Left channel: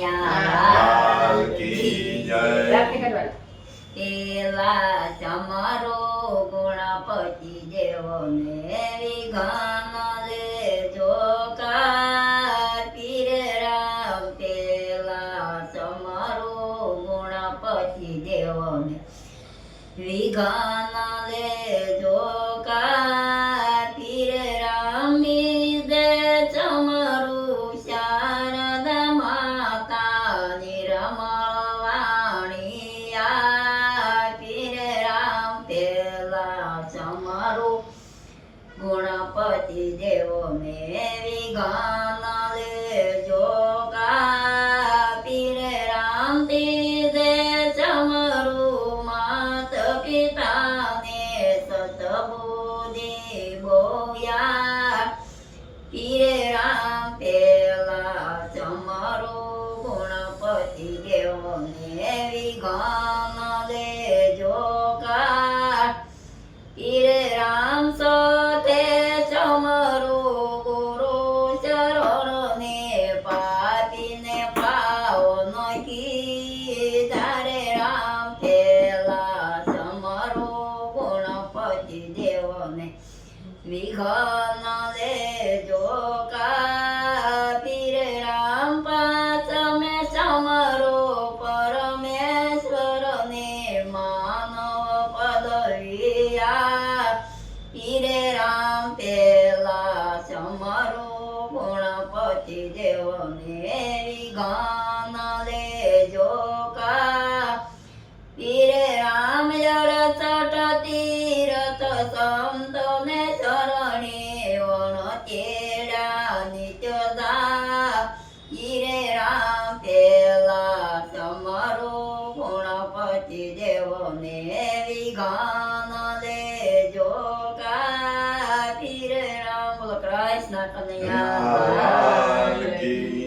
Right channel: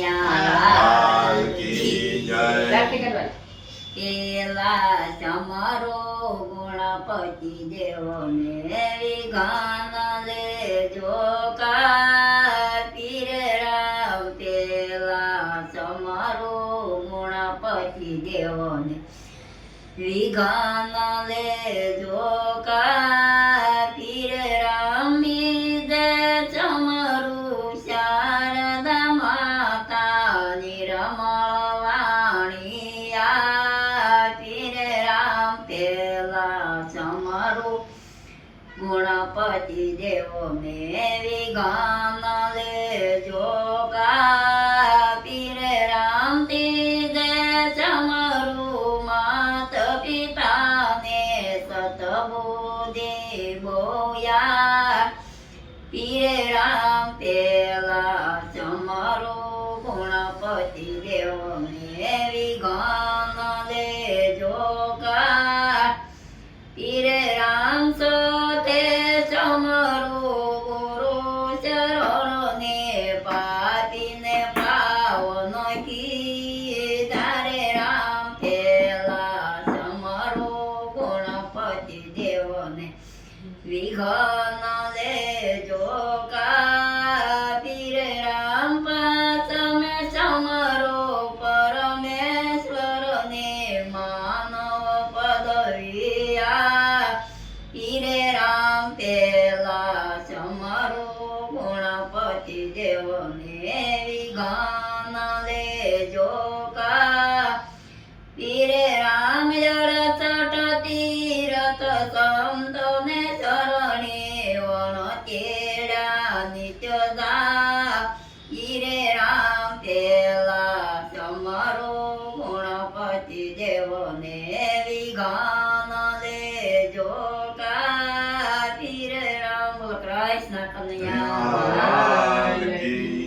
લાલ કી જય. એલા ચમરો ગુણપતિ દેવને વિઘન લેજો કા પીર રામ પેલા ચમરો ગુણપતિ દેવને વિઘન લેજો કા પીર રામ દે ચમરું શારદા માતા નિરમળ વાણિયા પીર રામ પેલા ચમરું ગુણપતિ દેવને વિઘન લેજો કા પીર રામ તે દે ચમરું માત પિતાને સતબુદ્ધિ બોયા પીર રામ પેલા ચમરું ગુણપતિ દેવને વિઘન લેજો કા પીર રામ સોતે ચમરું ગુરુ ચરણને પાપીને પાવન કીધા રે રામ પેલા ચમરું ગુણપતિ દેવને વિઘન લેજો કા પીર રામ પાચમે ચમરો પરમેશ્વરને માનવ પદવિયા પીર રામ પેલા ચમરો ગુણપતિ દેવને વિઘન લેજો કા પીર રામ જળચટ તીરથ સંતોને શરણે વણ તેડા નિત્યદા પીર રામ પેલા ચમરો ગુણપતિ દેવને વિઘન લેજો કા પીર રામ. બોલો કૃષ્ણ કનૈયા લાલ કી